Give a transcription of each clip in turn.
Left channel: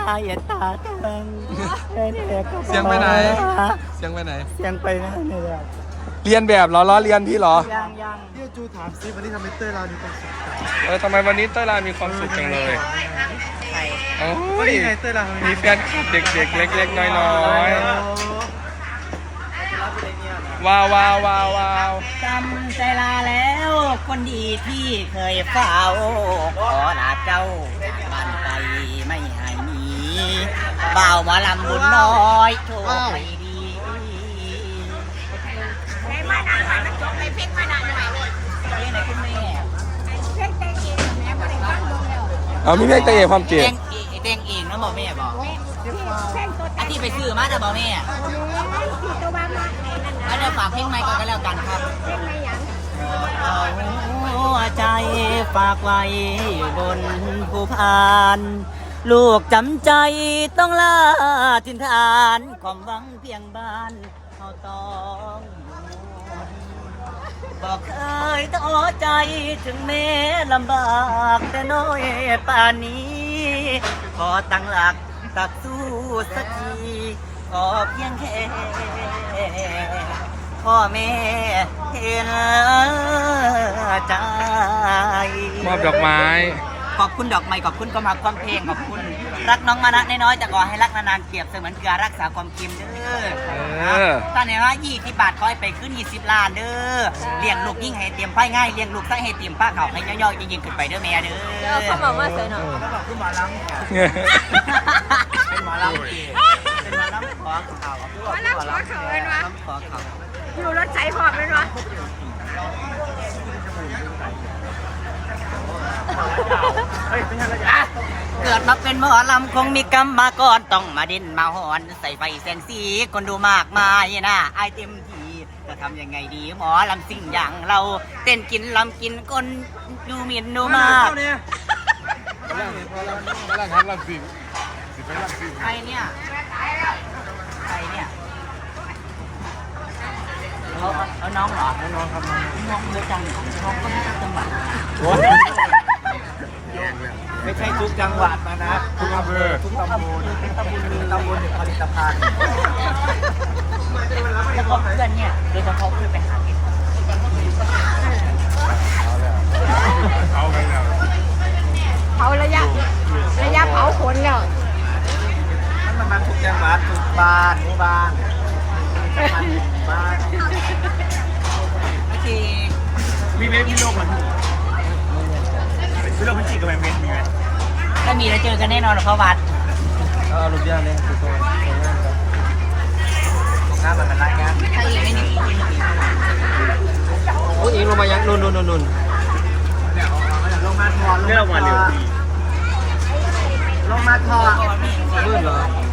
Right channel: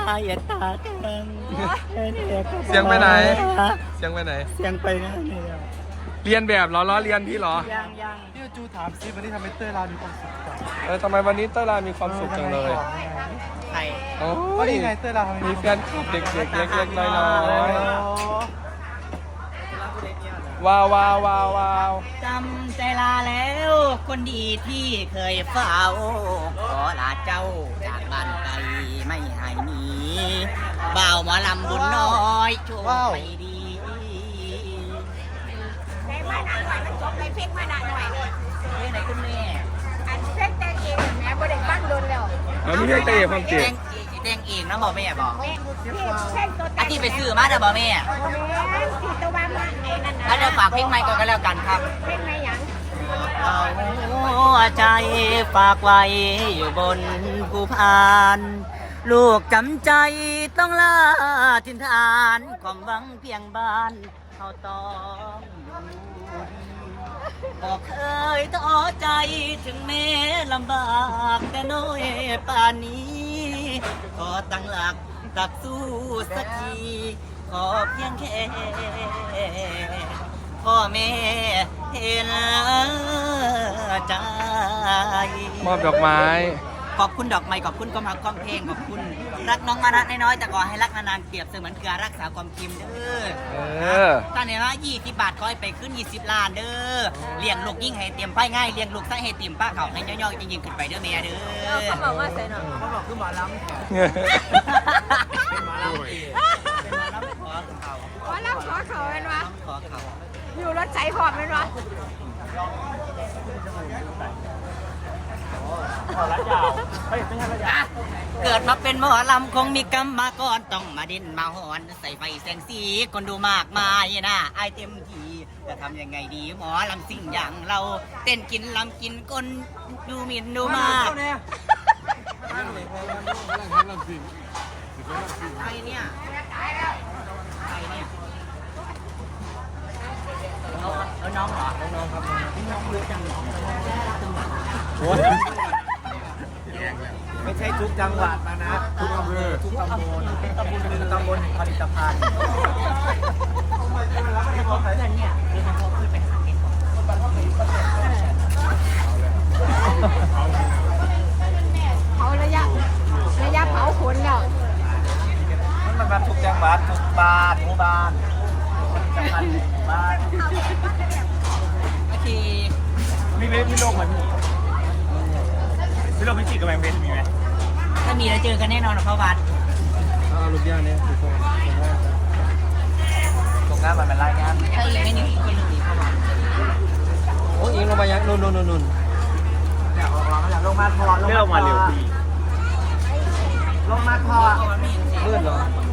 อย่าตาทังเสียงไปไหนเสียงไปไหนเสียงไปนั่นเลยอ่ะเรียนแบบเหรอล้อเรียนพี่เหรอพี่จูถามซิวันนี้ทำไมเต้ยเราดีจังทำไมวันนี้เต้ยลามีความสุขจังเลยใครโอ้วันยนี้ไงเต้ยเราทำไมมีแฟนคลับเด็กๆ เล็กๆ น้อยๆ ว้าวว้าวว้าวว้าวจำใจลาแล้วคนดีที่เคยเฝ้าขอลาเจ้าจากบ้านไปไม่ให้หนีบ่าวหมอลำบุญน้อยโชคไม่ดีเพลงไหนคุณแม่เอามีเรื่องเตะความเพลเก่งงเพลงเองนะบอกแม่บอกอันที่ไปซื้อมาแต่บอกแม่อันเดี๋ยวฝากเพลงใหม่ก่อนก็แล้วกันครับเอาหัวใจฝากไว้อยู่บนภูพานลูกจำใจต้องลาทินฐานความหวังเพียงบ้านเขาต้องอยู่บอกเคยท้อใจถึงแม้ลำบากแต่น้อยป่านนี้ ขอตั้งหลักตักสู้สักทีขอเพียงแค่พ่อแม่เห็นใจมอบดอกไม้ขอบคุณดอกไม้ขอบคุณความรักความเพลงขอบคุณรักน้องมานะน้อยๆแต่ขอให้รักนานๆเปรียบเสมือนเกลือรักษาความเค็มเด้อ ตอนนี้ว่า20 บาทคอยไปขึ้น20 ล้านเด้อเลี้ยงลูกยิ่งให้เตรียมไฟง่ายเลี้ยงลูกใส่ให้เตรียมป้าเขาให้ย่อยๆยิ่งขึ้นไปเด้อแม่เด้อเขาบอกคือหมอลำเป็นหมอลำเป็นหมอลำขอเขาหมอลำขอเขาอยู่รถใจหอบเลยเนาะเกิดมาเป็นหมอลำคงมีกรรมมาก่อนต้องมาดินมาหอนใส่ไฟแสงสีคนดูมากมายนะไอเต็มทีจะทำยังไงดีหมอลำสิ่งอย่างเราเต้นกินลำกินคนดูหมิ่นดูมากใครเนี่ยใครเนี่ยเอาน้องเหรอน้องครับน้องเยอะจังน้องก็ไม่รับจังหวะไม่ใช่ทุกจังหวัดมานะทุกอำเภอทุกตำบลเป็นตำบลหนึ่งผลิตภัณฑ์แล้วก็เพื่อนเนี่ยโดยเฉพาะเพื่อนไปหาเก็บก่อนเผาระยะเผาขนแล้วมันมาทุกจังหวัดทุกบ้านหมู่บ้านโอเคมีโลกเหมือนมีโลกพิจิตรกับแมงเวทมีไหมถ้ามีแล้วเจอกันแน่นอนเพราะวัดลูกย่าเนี่ยคือตัวตรงหน้ามันรายงานถ้าอีกไม่มีอีกไม่มีเข้ามาโอ้ยลงมายังนุ่นเนี่ยออกมาแล้วลงมาทอลงมาทอลงมาทอลื่นเหรอ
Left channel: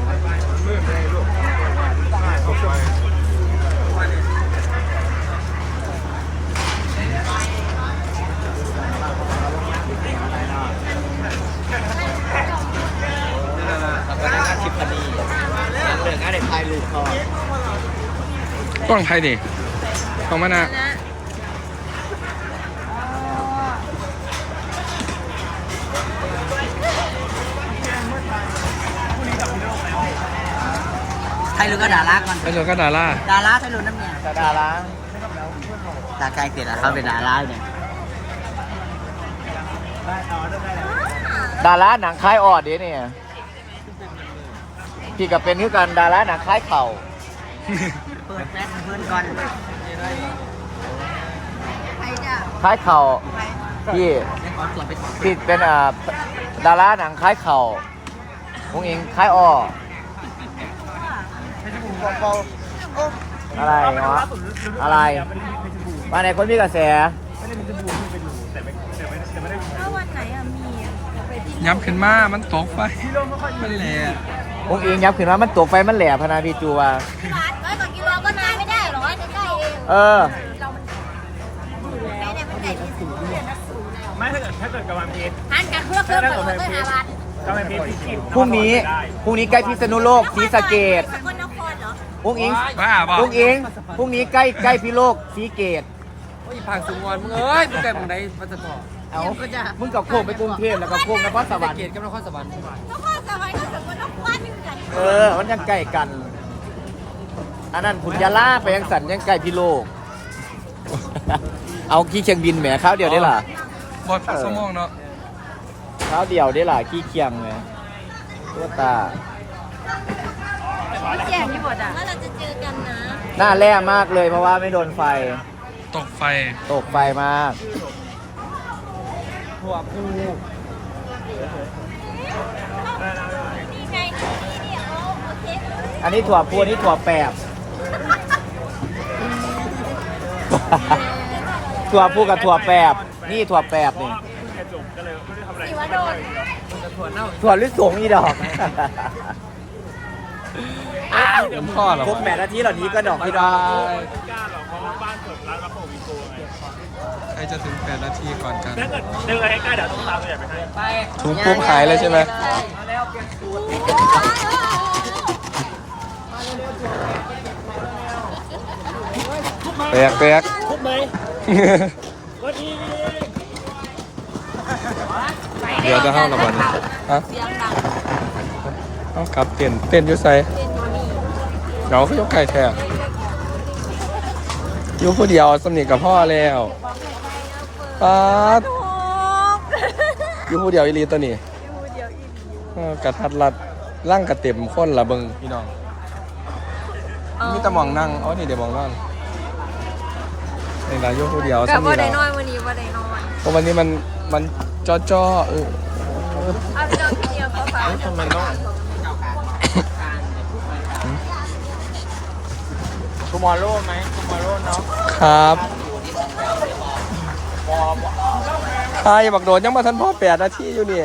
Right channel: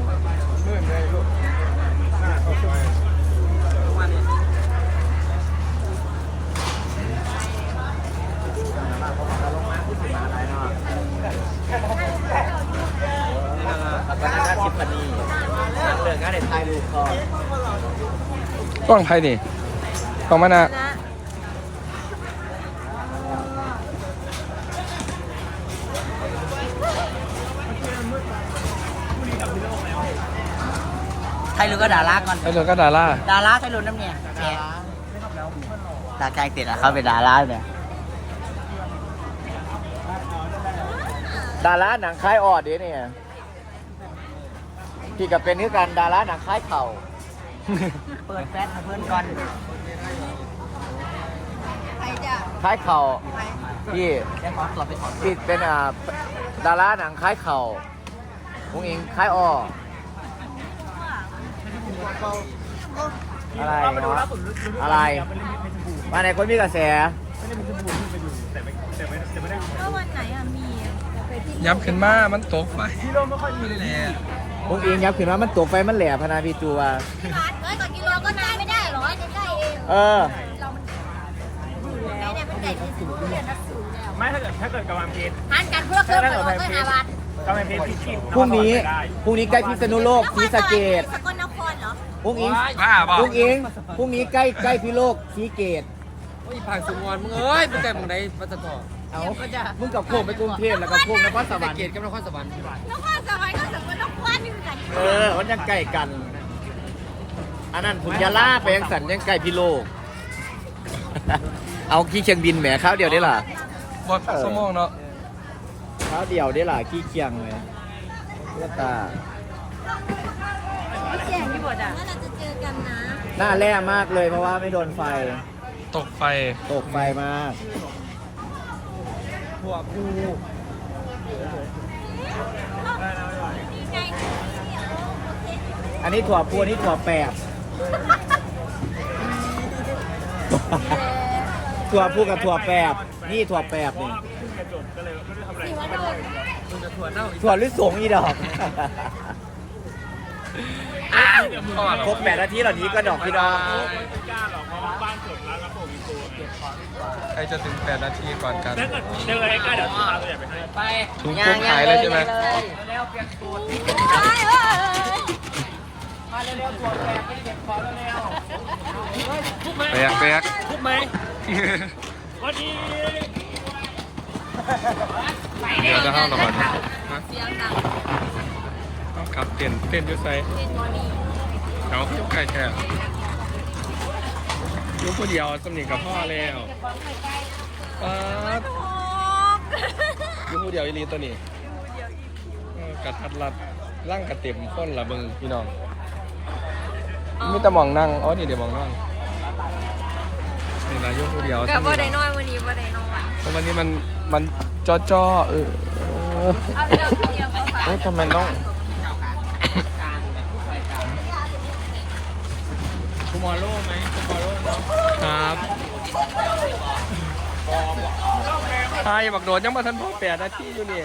กล้องไทยดิกล้องมานะไทยรู้ก็ดาราก่อนไทยก็ดาราดาราไทยรู้น้ำเนี่ยดาราตาใกล้ติดแล้วเขาเป็นดาราเนี่ยดาราหนังคล้ายออดเด้เนี่ยพี่กับเป็นคือกันดาราหนังคล้ายเข่าเปิดแฟลชเพื่อนก่อนใครจ้ะคล้ายเข่าพี่พี่เป็นดาราหนังคล้ายเข่าพวกเองคล้ายอ้ออะไรมาไหนคนมีกระแสก็วันไหนอะมีไปที่ย้ำขึ้นมามันตกไปมันแหละพวกเองยับขึ้นมามันตัวไฟมันแหลมพนาพี่จูว่า 100 กว่ากิโลก็มาไม่ได้หรอกใกล้ๆเองเออเรามันไหนมันใหญ่ที่สุดเลยนะสูงแล้วไม่ถ้าเกิดกำลังเพชรหันกันเพื่อเครื่องไปก็หาบัตรกำลังเพชรที่พรุ่งนี้ใกล้พิษณุโลกศรีสะเกษสกลนครเหรอพรุ่งเองบ้าบอกพรุ่งนี้ใกล้พิโลกศรีเกษโอ้ยผ่านสุงวนมึงเอ้ยมึงไก่มึงได้มาจะต่ออเอามึงกับโค้งไปกรุงเทพแล้วก็โค้งนครสวรรค์เกตกับนครสวรรค์นครสวรรค์ก็สมมตินครนี่คือกันมันยังใกล้กัน อันนั้นพุทธยาลาไปยังสันยังใกล้พิโลก เอาขี้เคียงบินแหมข้าวเดียวได้ล่ะบอด8 ชั่วโมงเนาะข้าวเดียวได้ล่ะขี้เคียงเลยตัวตาแจ้งยี่บดอ่ะว่าเราจะเจอกันนะหน้าแร่มากเลยเพราะว่าไม่โดนไฟตกไฟตกไฟมากถั่วพูดีใจนี่โอเคอันนี้ถั่วพูอันนี้ถั่วแปบ ถั่วพูกับถั่วแปบ นี่ถั่วแปบนี่เพิ่งจะจบก็เลยไม่ได้ทำอะไรสิวโดนถั่วลิสงอีดอก ครบ8 นาทีเหล่านี้ก็ดอกพี่น้องไม่กล้าหรอกเพราะว่าบ้านเกิดร้านรับผมมีโกงใครจะถึง8 นาทีก่อนกันถ้าเกิดดึงอะไรใกล้เดี๋ยวต้องตามตัวใหญ่ไปให้ไปถุงปุ๊บขายเลยใช่ไหมแปลกแปลกทุกไหมวันนี้เดี๋ยวจะเข้าระบาดเนี่ยฮะเอากลับเปลี่ยนอยุ่ไซเดี๋ยวเขายกไข่แค่อยุ่ผู้เดียวสนิทกับพ่อแล้วป๊าดอยุ่ผู้เดียวอีลีตัวนี้กระทัดรัดร่างกระเต็มข้นละเบิงพี่น้องมีแต่มองนั่งอ๋อนี่เดี๋ยวมองนั่งนี่ละอยุ่ผู้เดียวสนิทละวันนี้ว่าได้นอนเพราะวันนี้มันจ้อทำไมต้องทูมอร์โร่ไหมครับใช่บักโดดยังมาทันพ่อ8 นาทีอยู่นี่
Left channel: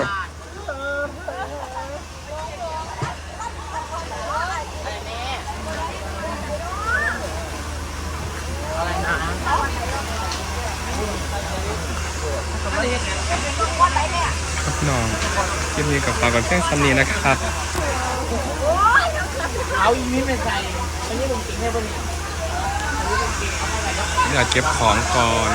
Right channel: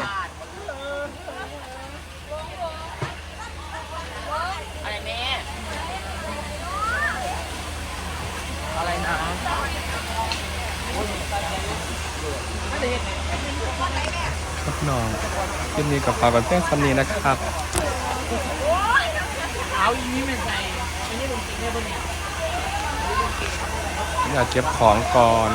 ครับน้องยินดีกับฝากกับเพื่อนซัมนี้นะครับอยากเก็บของก่อน